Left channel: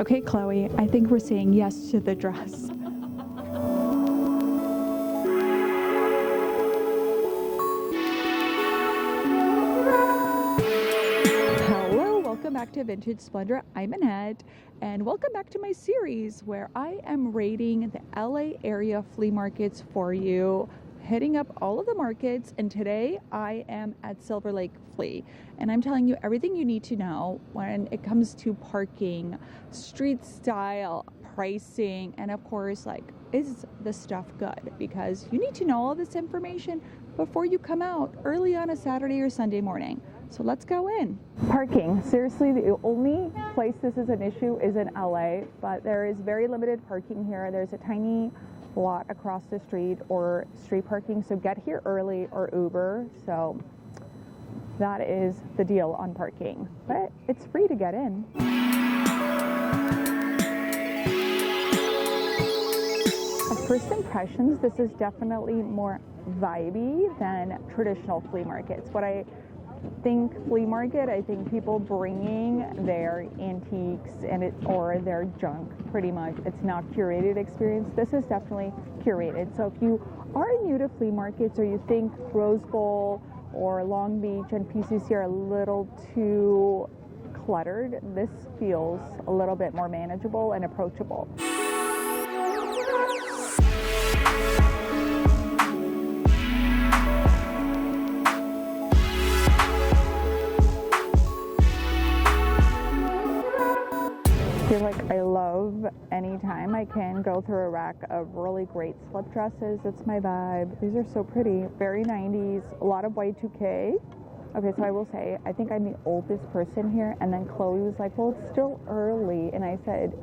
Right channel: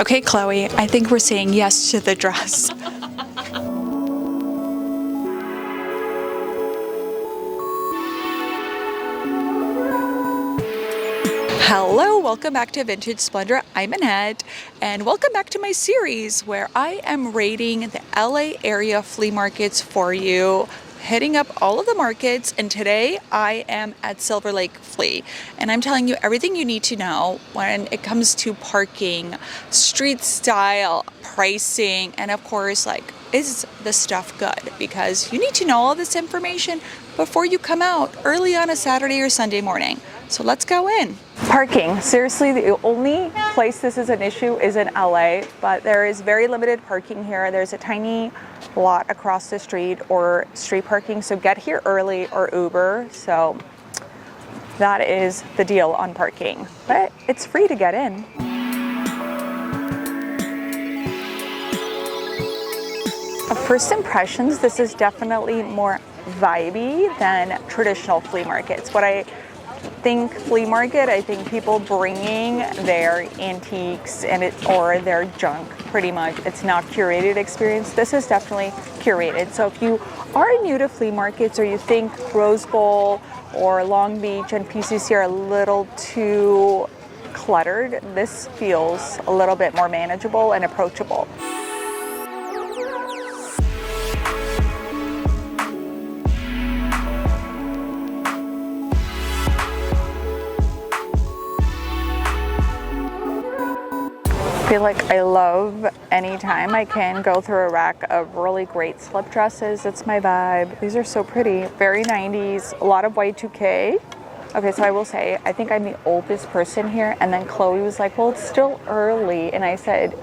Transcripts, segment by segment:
Okay, Chloe, I think we're saying yes to the dress. Hello, welcome back to Vintage Splendor. I'm Annette, and welcome back to my series where I am rating the LA area flea markets for you, hitting up all of the markets. And today I am at Silverlake Flea, and I'm telling you everything you need to know when it comes to parking, street style, pricing, and of course, like, is the stuff good? Because you need to know all this information before you come out early on a Saturday or Sunday morning. So let's go in. Parking. Seriously, the only place this is an issue is in LA, but there is very limited parking here. There's a tiny lot across the street or street parking, so get here early or Uber. So that is the deal on parking, but it's free to get in. First impressions, this is definitely more vibey than traditional flea markets. What I think flea market, I think people bringing their antiques or their junk, pretty much. It's not curated experience. This is definitely curated. So if you are new to flea markets, or you think Rose Bowl or Long Beach and PCC are a little too cluttered, this feels a little bit more manageable and approachable. I feel like I love anytime I can go through a rack of really great slip dresses. It's my vibe. These are so pretty, very 90s, a lot of Y2K. Okay, so I will say, I think I'm the oldest person here, and then Chloe was like, well, it's still early, and I said,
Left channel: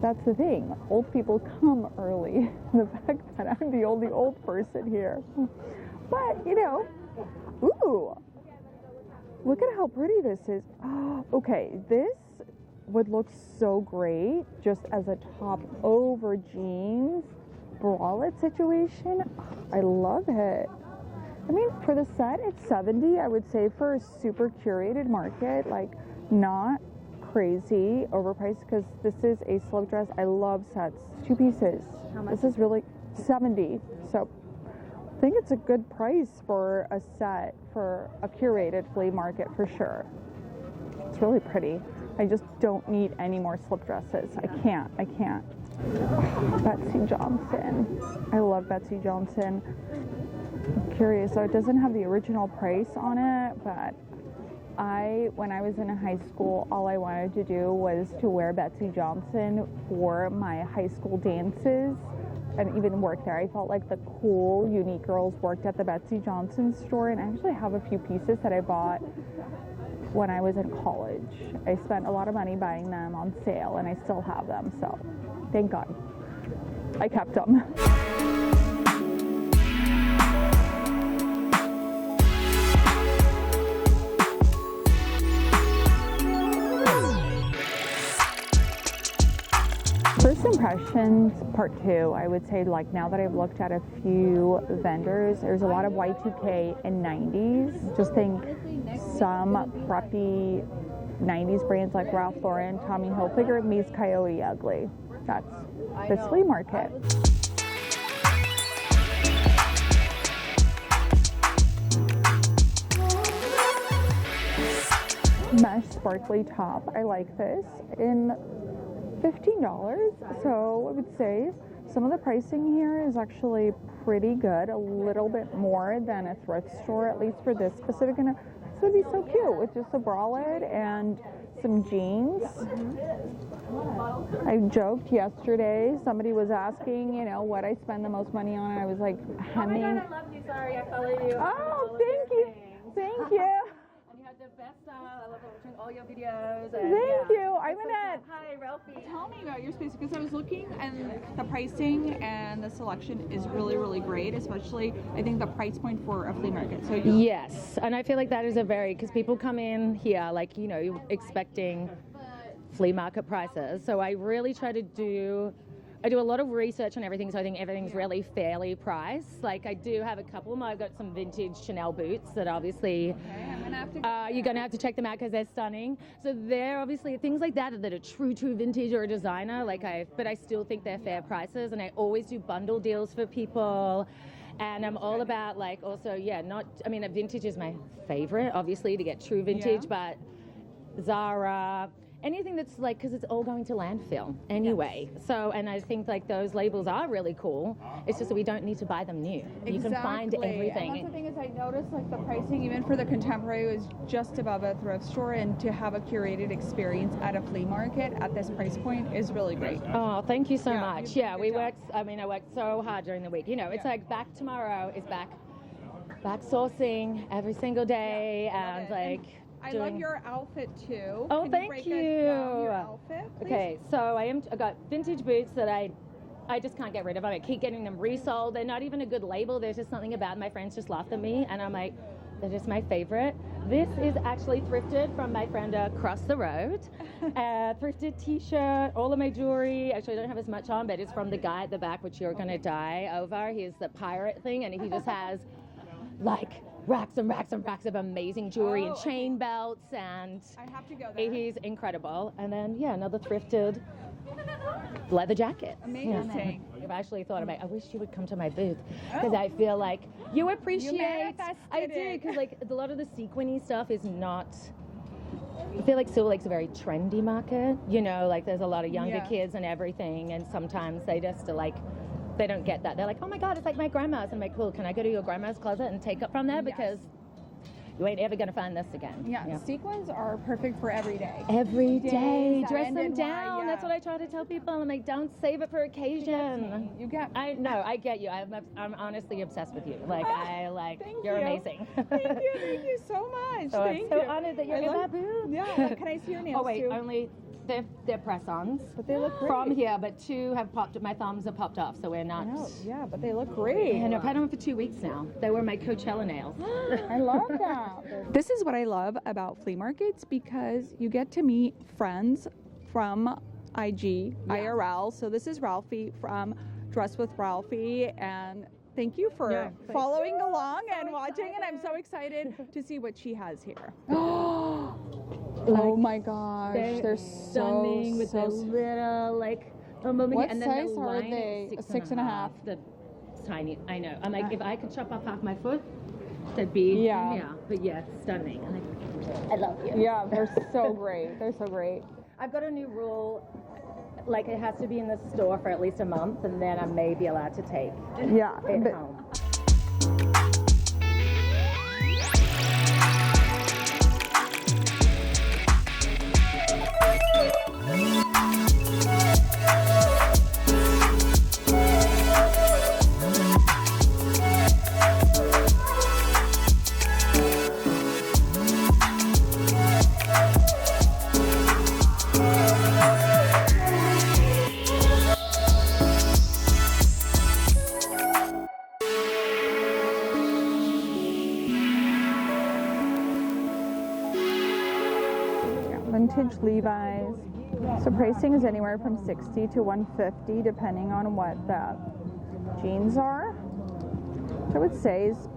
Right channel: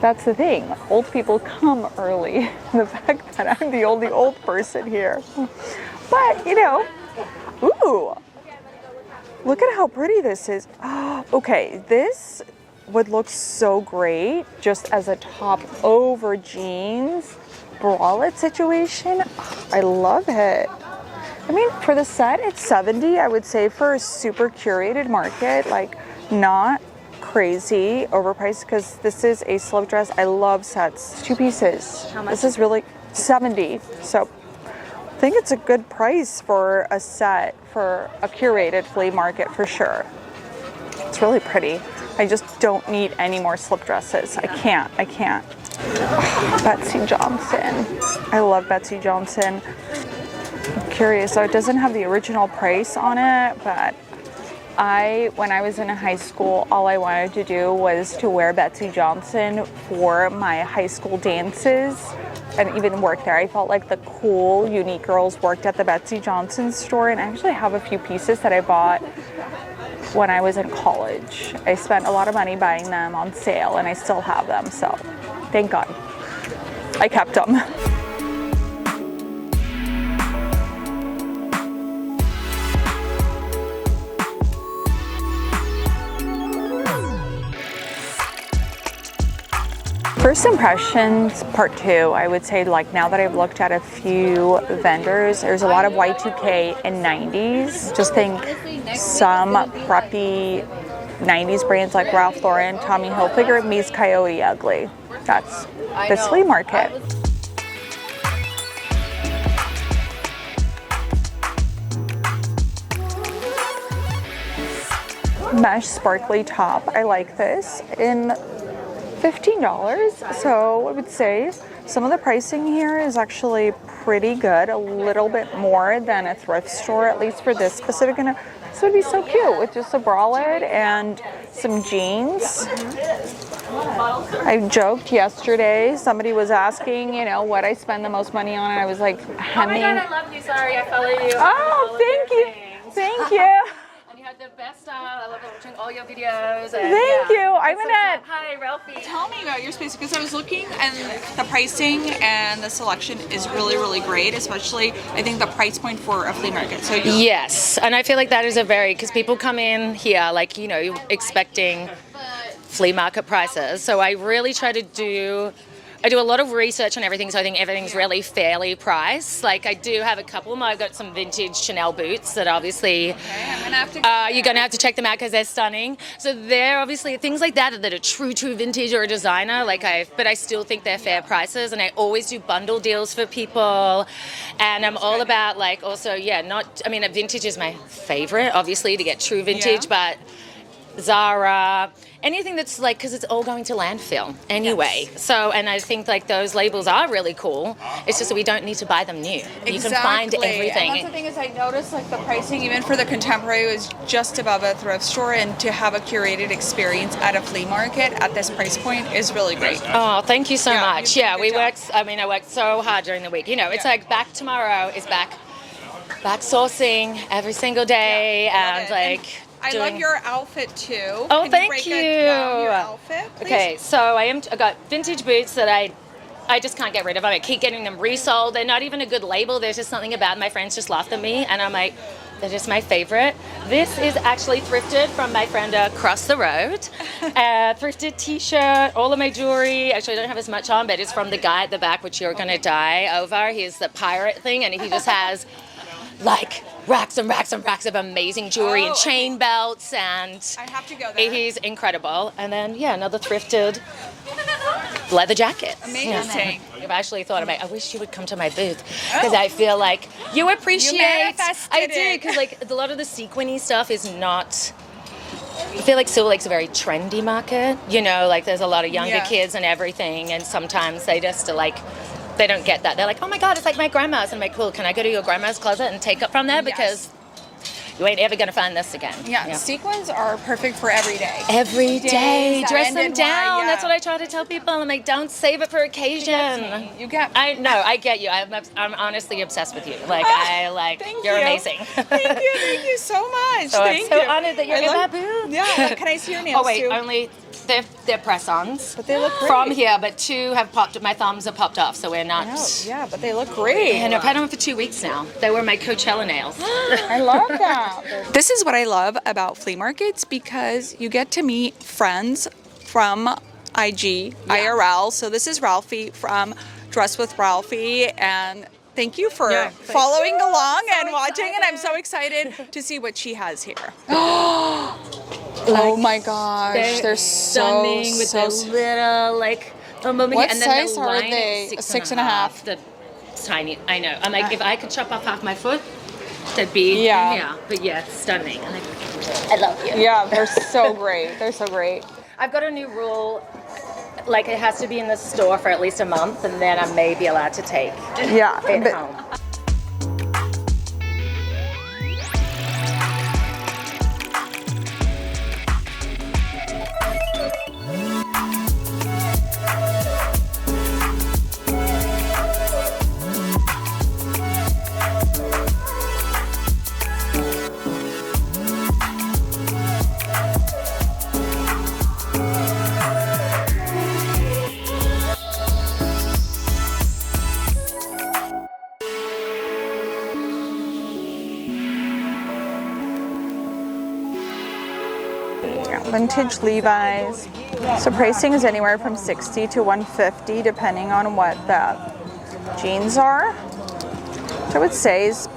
that's the thing, old people come early. The fact that I'm the only old person here. But, you know, ooh, look at how pretty this is. Okay, this would look so great just as a top over jeans bralette situation. I love it. I mean, for the set, it's $70. I would say for a super curated market, like not crazy overpriced, because this is a slip dress. I love sets. 2 pieces. How much? This is really $70. So I think it's a good price for a set for a curated flea market for sure. It's really pretty. I just don't need any more slip dresses. I can't. Oh, Betsy Johnson. I love Betsy Johnson. I'm curious, so it doesn't have the original price on it, but when I was in high school, all I wanted to do was to wear Betsy Johnson for my high school dances and even work there. I felt like the cool, unique girls worked at the Betsy Johnson store, and I actually have a few pieces that I bought when I was in college. I spent a lot of money buying them on sale, and I still have them, so thank God I kept them. First impressions, part 2, I would say, like, now that I've looked at a few vendors, there's a lot of Y2K and 90s. Just think some preppy 90s brands like Ralph Lauren, Tommy Hilfiger meets Coyote Ugly. That's this flea market. Mesh sparkly top, I like this, in $15. So I would say some of the pricing here is actually pretty good, a little bit more than a thrift store, at least for this specific. And this would be so cute with just a bralette and some jeans. I joked yesterday, somebody was asking, you know, what I spend the most money on, and I was like, hemming. Oh my God, I love you. Sorry, I follow you. Oh, thank you. Thank you. And you have the best style. I love watching all your videos. And Thank you. I'm Annette. Hi, Ralphie. Tell me about your space, because I was looking, and the pricing and the selection is really, really great, especially I think the price point for a flea market. So Yes, and I feel like that is because people come in here like, you know, expecting flea market prices. So I really try to do I do a lot of research on everything, so I think everything's really fairly priced. Like I do have a couple more. I've got some vintage Chanel boots that obviously I'm gonna have to you're going to have to check them out because they're stunning. So they're obviously things like that are true vintage or a designer. But I still think they're fair prices, and I always do bundle deals for people. And I'm all about like also vintage is my favorite, obviously, to get true vintage, but Zara, anything that's like, because it's all going to landfill anyway. Yes. So, and I think like those labels are really cool. It's just that we don't need to buy them new. Exactly. You can find everything. And that's the thing is I noticed like the pricing even for the contemporary was just above a thrift store, and to have a curated experience at a flea market at this price point is really great. Oh, thank you so much. Yeah, I worked so hard during the week. You know, it's like back tomorrow is back sourcing every single day, and like. I love your outfit too. Oh, Can thank you. Your outfit, please? Okay, so I got vintage boots that I just can't get rid of. I keep getting them resold. They're not even a good label. There's just something about them. My friends just laughed at me, and I'm like, they're just my favorite. This is actually thrifted from my friend across the road. Thrifted t-shirt, all of my jewelry. Actually, I don't have as much on, but it's from the guy at the back, which you're going to die over. He's the pirate thing, and he just has like racks and racks and racks of amazing jewelry and chain belts, and I have to go there. He's incredible. And then another thrifted leather jacket. Amazing. I've actually thought about, I wish you would come to my booth because I feel like you appreciate. You manifested I do, because like a lot of the sequiny stuff is not. I feel like Silverlake's a very trendy market. You know, like there's a lot of younger kids and everything, and sometimes they just like. They don't get that. They're like, oh my God, it's like my grandma's. And I'm like, cool, can I go to your grandma's closet and take it from there? Because you ain't ever gonna find this again. Yeah, sequins are perfect for every day. Every day, dress them down. Yeah. That's what I try to tell people. I'm like, don't save it for occasion. You get. I get you. I'm honestly obsessed with you. Like you're amazing. Thank you so much. So I'm so honored that you're in my booth. Yeah, can I see your nails? Oh wait, too? only they're press-ons. But they look great. From here, but 2 have popped. My thumbs have popped off, so we're not. Yeah, but they look great. And I've had them for 2 weeks now. They were my Coachella nails. I love that. This is what I love about flea markets, because you get to meet friends from IG, IRL. So this is Ralphie from Dress with Ralphie, and thank you for following along and watching, and I'm so excited to see what she has here. Oh my gosh, they're stunning so with their little what and then size the are line they? is 6.5. It's tiny. I know. I'm like, if I could chop off half my foot, that'd be But yeah, it's stunning. I love you. Yeah, they're so great. They're so great. I've got a new rule. Like it has to be in the store for at least a month, and then I may be allowed to take it home. Vintage Levi's. So pricing is anywhere from $60 to $150 depending on what the jeans are, which I would say is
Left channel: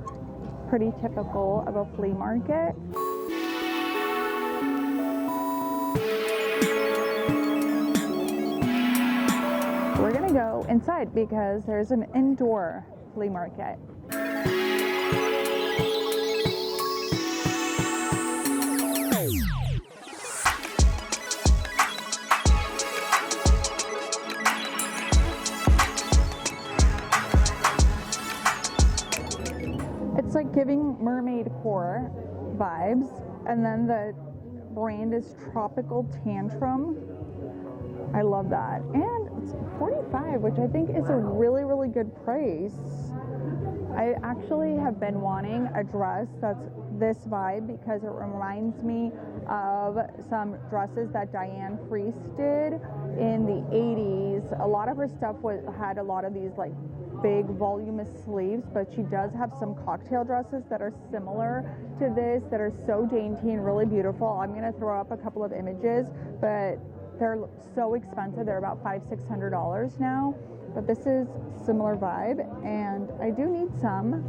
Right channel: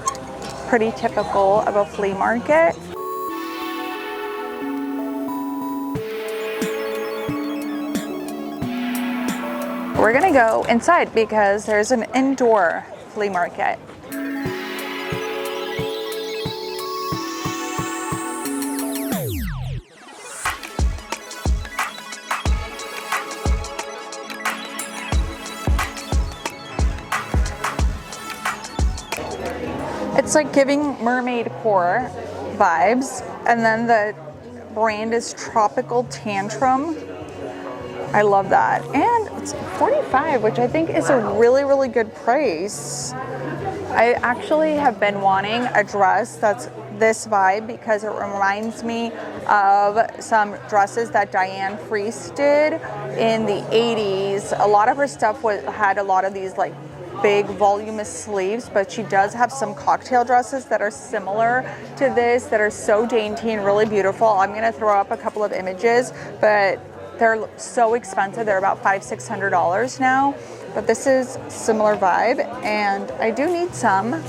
pretty typical of a flea market. We're gonna go inside because there's an indoor flea market. It's like giving mermaid core vibes, and then the brand is Tropical Tantrum. I love that. And it's $45, which I think is a really, really good price. I actually have been wanting a dress that's this vibe because it reminds me of some dresses that Diane Freese did in the 80s. A lot of her stuff had a lot of these like big voluminous sleeves, but she does have some cocktail dresses that are similar to this that are so dainty and really beautiful. I'm gonna throw up a couple of images, but they're so expensive. They're about $500-600 now, but this is similar vibe, and I do need some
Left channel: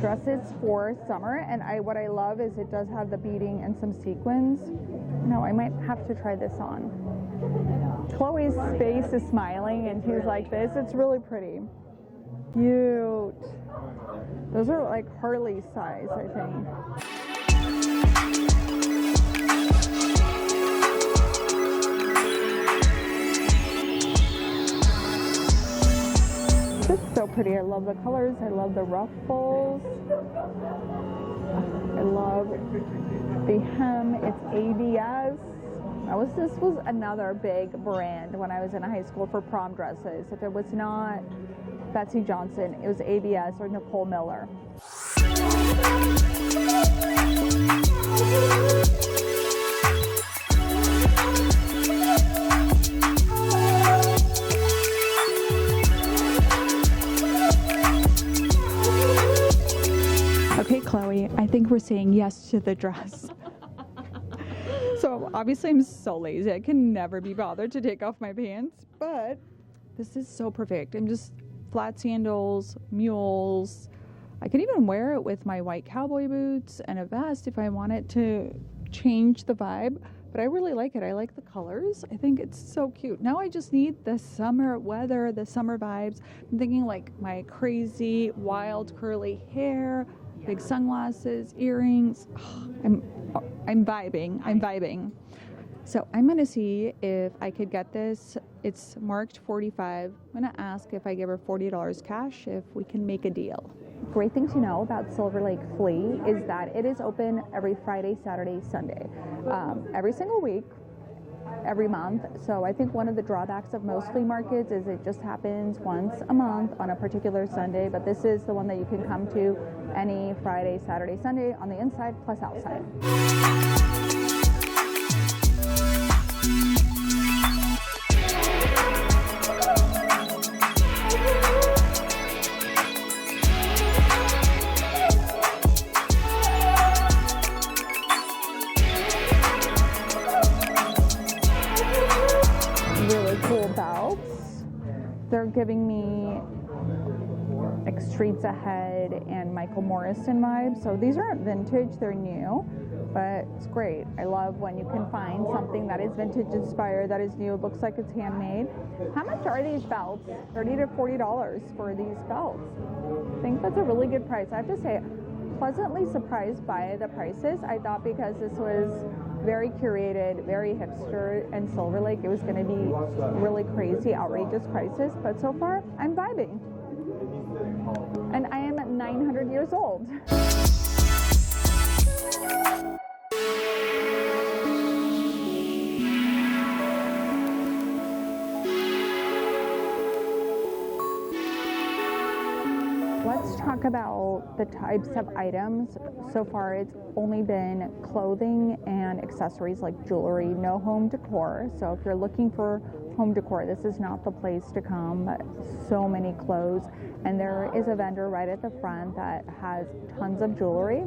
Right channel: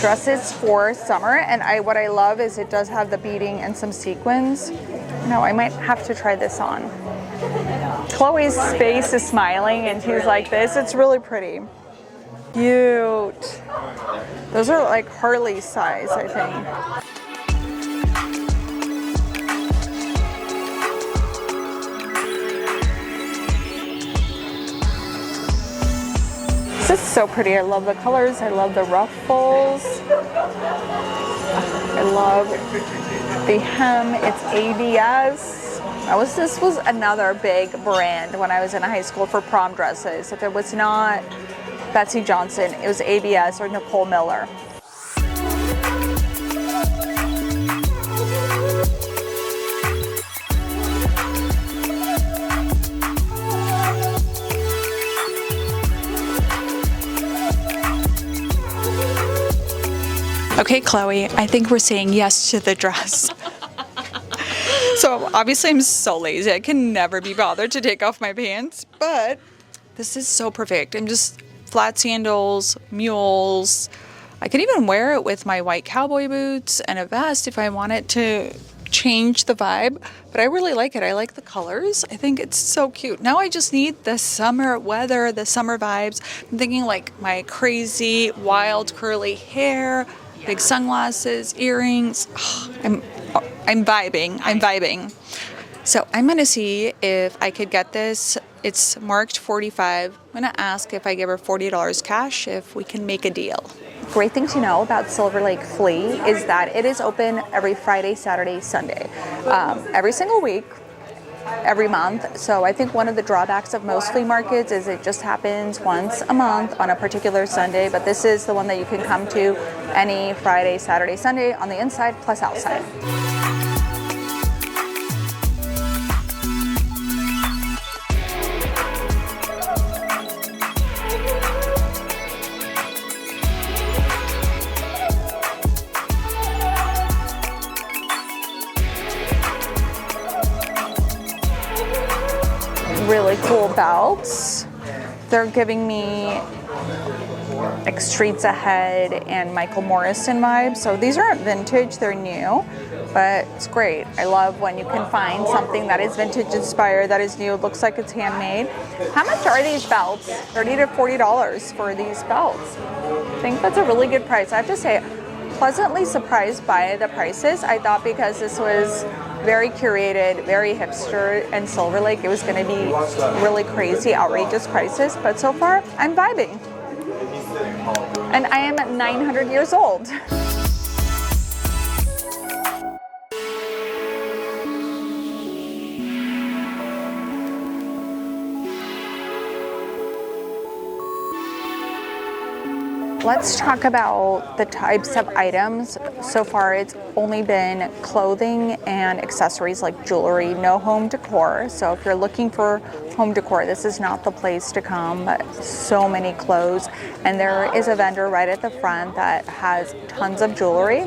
dresses for summer. And what I love is it does have the beading and some sequins. No, I might have to try this on. Chloe's face is smiling and she's like this. It's really pretty. Cute. Those are like Harley's size, I think. This is so pretty. I love the colors. I love the ruffles. I love the hem. It's ABS. This was another big brand when I was in high school for prom dresses. If it was not Betsy Johnson, it was ABS or Nicole Miller. Okay, Chloe, I think we're saying yes to the dress. So obviously I'm so lazy. I can never be bothered to take off my pants, but this is so perfect. I'm just flat sandals, mules. I could even wear it with my white cowboy boots and a vest if I wanted to change the vibe, but I really like it. I like the colors. I think it's so cute. Now I just need the summer weather, the summer vibes. I'm thinking like my crazy, wild, curly hair, big sunglasses, earrings. Oh, I'm vibing. I'm vibing. So I'm gonna see if I could get this. It's marked $45. I'm gonna ask if I give her $40 cash, if we can make a deal. Great thing to know about Silverlake Flea is that it is open every Friday, Saturday, Sunday, every single week, every month. So I think one of the drawbacks of most flea markets is it just happens once a month on a particular Sunday, but this is the one that you can come to any Friday, Saturday, Sunday on the inside plus outside. Really cool belts. They're giving me like Streets Ahead and Michael Morrison vibes. So these aren't vintage, they're new, but it's great. I love when you can find something that is vintage inspired, that is new, it looks like it's handmade. How much are these belts? $30 to $40 for these belts. I think that's a really good price. I have to say, pleasantly surprised by the prices. I thought because this was very curated, very hipster, and Silverlake, it was going to be really crazy, outrageous prices. But so far, I'm vibing. And I am 900 years old. Let's talk about the types of items. So far, it's only been clothing and accessories like jewelry, no home decor. So if you're looking for home decor, this is not the place to come. So many clothes. And there is a vendor right at the front that has tons of jewelry.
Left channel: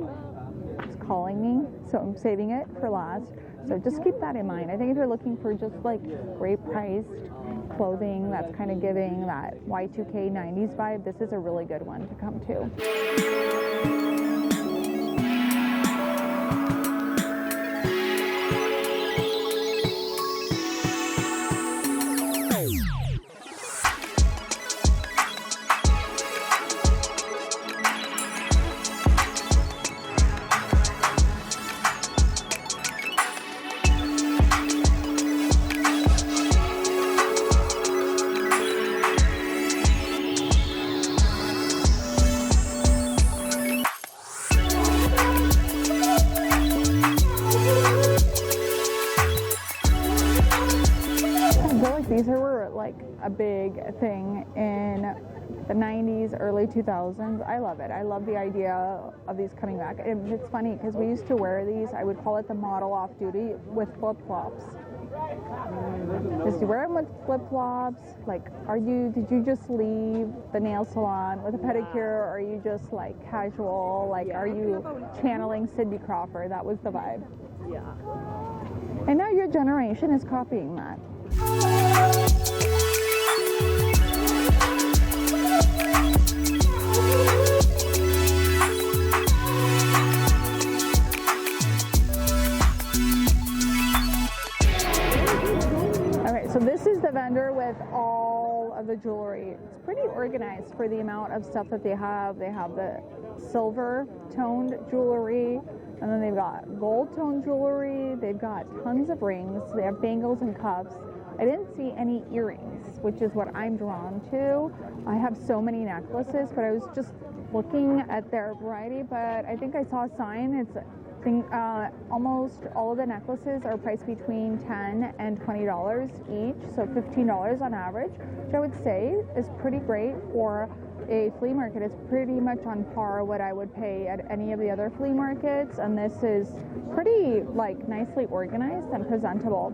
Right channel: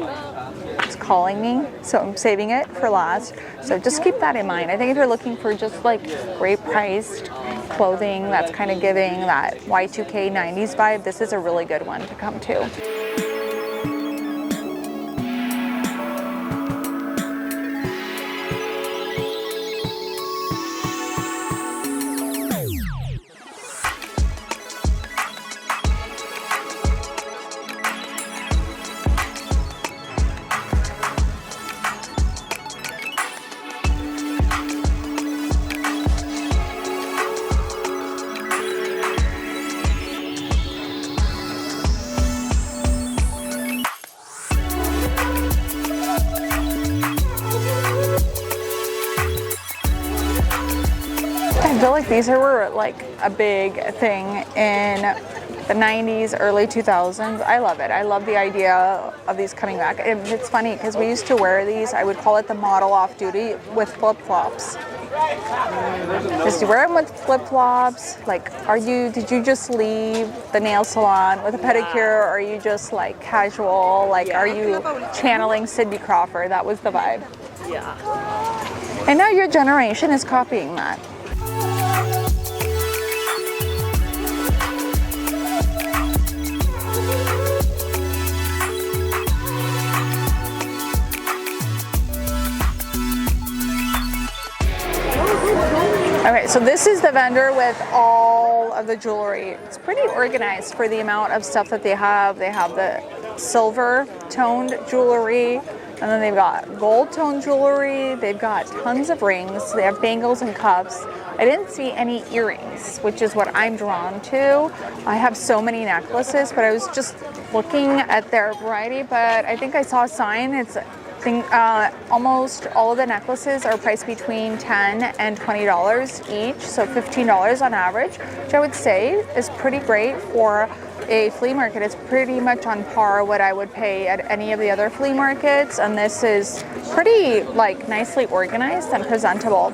It's calling me, so I'm saving it for last. So just keep that in mind. I think if you're looking for just like great priced clothing that's kind of giving that Y2K 90s vibe, this is a really good one to come to. These were like a big thing in the 90s, early 2000s. I love it. I love the idea of these coming back. And it's funny because we used to wear these, I would call it the model off duty, with flip-flops. Just wear them with flip-flops. Like, did you just leave the nail salon with a pedicure, or are you just like casual? Like, are you channeling Cindy Crawford? That was the vibe. Yeah. And now your generation is copying that. this is the vendor with all of the jewelry. It's pretty organized for the amount of stuff that they have. They have the silver toned jewelry, and then they've got gold toned jewelry. They've got tons of rings. They have bangles and cuffs. I didn't see any earrings, which is what I'm drawn to. I have so many necklaces, but I was just looking at their variety, but I think I saw a sign. Almost all of the necklaces are priced between $10 and $20 each, so $15 on average, which I would say is pretty great for a flea market. It's pretty much on par what I would pay at any of the other flea markets, and this is pretty nicely organized and presentable.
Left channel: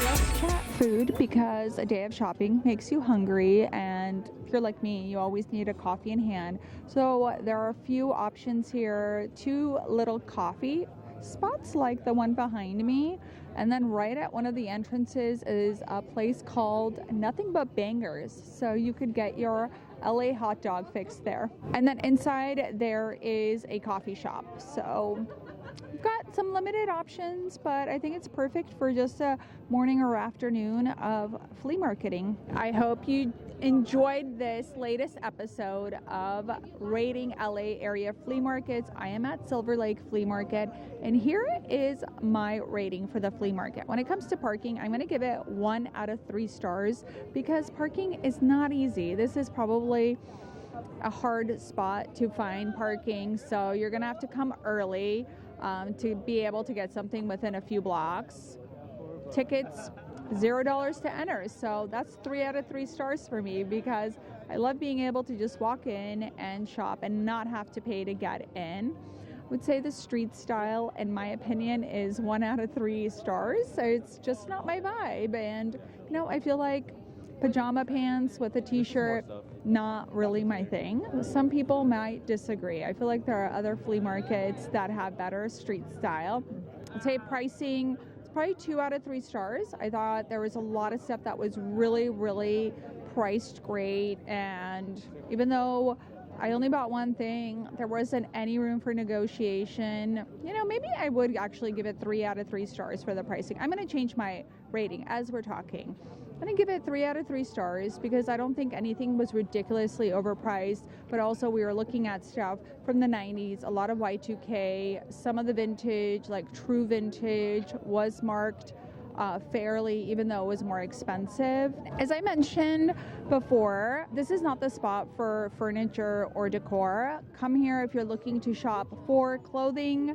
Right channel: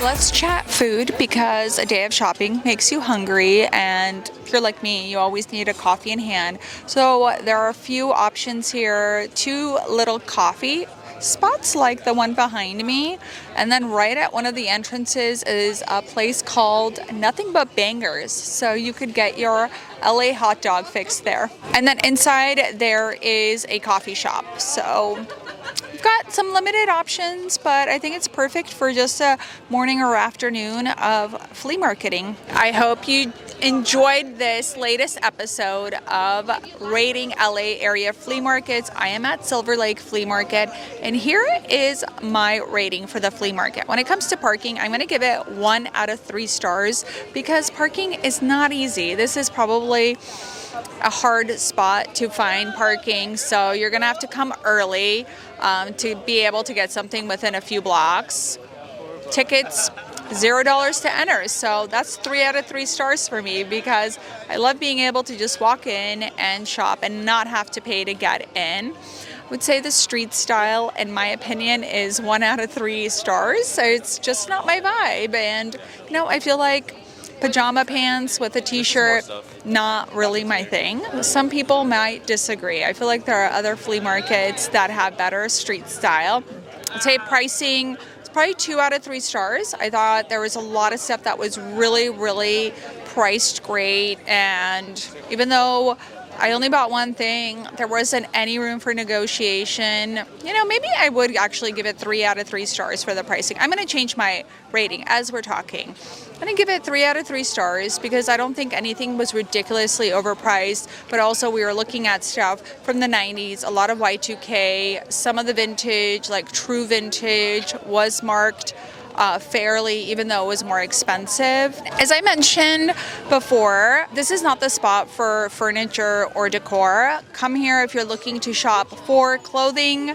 Let's chat food, because a day of shopping makes you hungry, and if you're like me, you always need a coffee in hand. So there are a few options here. 2 little coffee spots like the one behind me, and then right at one of the entrances is a place called Nothing But Bangers, so you could get your LA hot dog fix there. And then inside there is a coffee shop. So we've got some limited options, but I think it's perfect for just a morning or afternoon of flea marketing. I hope you enjoyed this latest episode of Rating LA Area Flea Markets. I am at Silverlake Flea Market, and here is my rating for the flea market. When it comes to parking, I'm going to give it 1 out of 3 stars, because parking is not easy. This is probably a hard spot to find parking, so you're gonna have to come early to be able to get something within a few blocks. Tickets, $0 to enter, so that's 3 out of 3 stars for me, because I love being able to just walk in and shop and not have to pay to get in. I would say the street style, in my opinion, is 1 out of 3 stars. So it's just not my vibe, and I feel like pajama pants with a t-shirt, not really my thing. Some people might disagree. I feel like there are other flea markets that have better street style. I'd say pricing, it's probably 2 out of 3 stars. I thought there was a lot of stuff that was really, really priced great, and even though I only bought one thing, there wasn't any room for negotiation. Maybe I would actually give it 3 out of 3 stars for the pricing. I'm going to change my rating as we're talking. I'm going to give it 3 out of 3 stars, because I don't think anything was ridiculously overpriced, but also we were looking at stuff from the 90s, a lot of Y2K, some of the vintage, like true vintage, was marked fairly, even though it was more expensive. As I mentioned before, this is not the spot for furniture or decor. Come here if you're looking to shop for clothing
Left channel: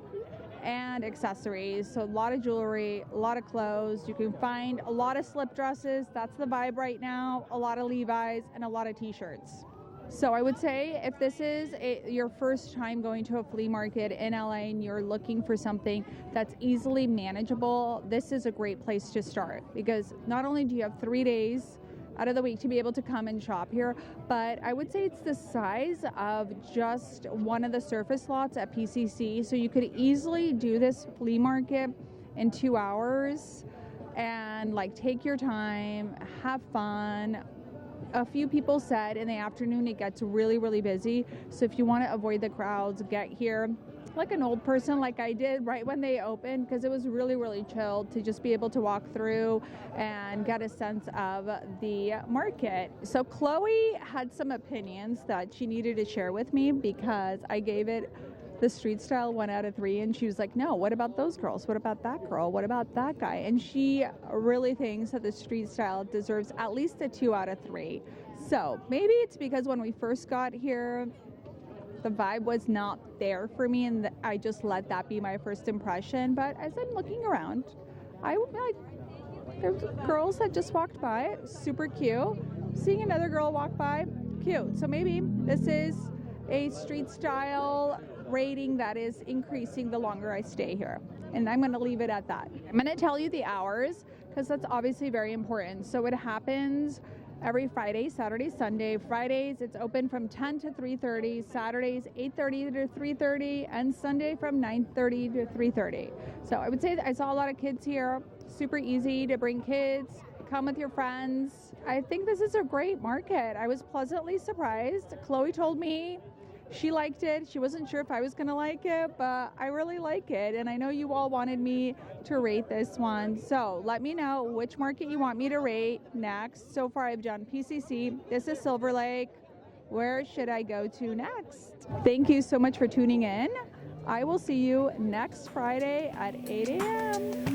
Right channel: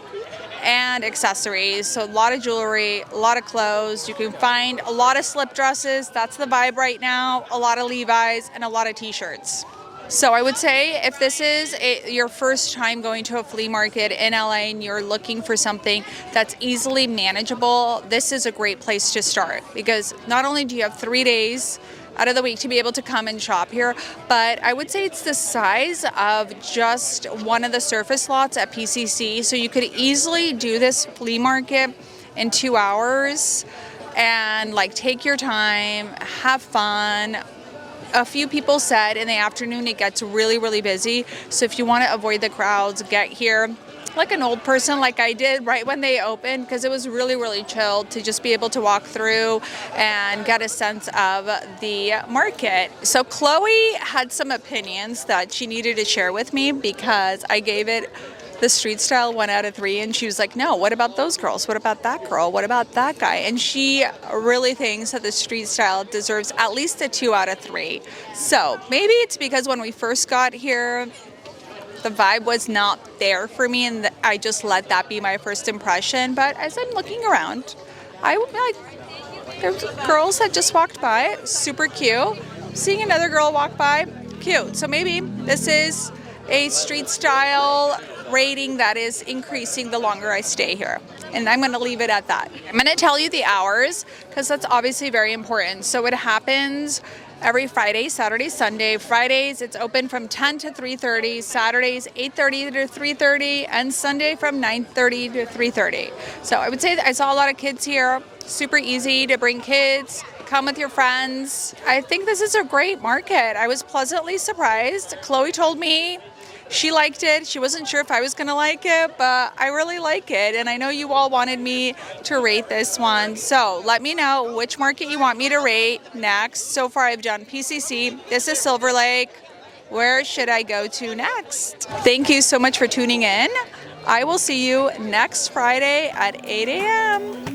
and accessories. So a lot of jewelry, a lot of clothes. You can find a lot of slip dresses. That's the vibe right now. A lot of Levi's and a lot of t-shirts. So I would say if this is your first time going to a flea market in LA and you're looking for something that's easily manageable, this is a great place to start, because not only do you have 3 days out of the week to be able to come and shop here, but I would say it's the size of just one of the surface lots at PCC. So you could easily do this flea market in 2 hours and take your time, have fun. A few people said in the afternoon it gets really, really busy. So if you want to avoid the crowds, get here like an old person, like I did right when they opened, because it was really, really chilled to just be able to walk through and get a sense of the market. So Chloe had some opinions that she needed to share with me, because I gave it the street style 1 out of 3, and she was like, no, what about those girls? What about that girl? What about that guy? And she really thinks that the street style deserves at least a 2 out of 3. So maybe it's because when we first got here, the vibe was not there for me, and I just let that be my first impression. But as I'm looking around, there's girls that just walked by, super cute. Seeing another girl walk by, cute. So maybe this is a street style rating that is increasing the longer I stay here. And I'm going to leave it at that. I'm going to tell you the hours, because that's obviously very important. So it happens every Friday, Saturday, Sunday. Fridays, it's open from 10 to 3:30. Saturdays, 8:30 to 3:30. And Sunday from 9:30 to 3:30. So I would say that I saw a lot of kids here. Super easy to bring kids. Come with your friends. I think this is a great market. I was pleasantly surprised. Chloe told me she liked it. She wasn't sure if I was going to like it, but I really like it. And I know you all wanted me to rate this one. So let me know which market you want me to rate next. So far, I've done PCC. This is Silverlake. Where should I go to next? Thank you so much for tuning in. I will see you next Friday at 8 a.m.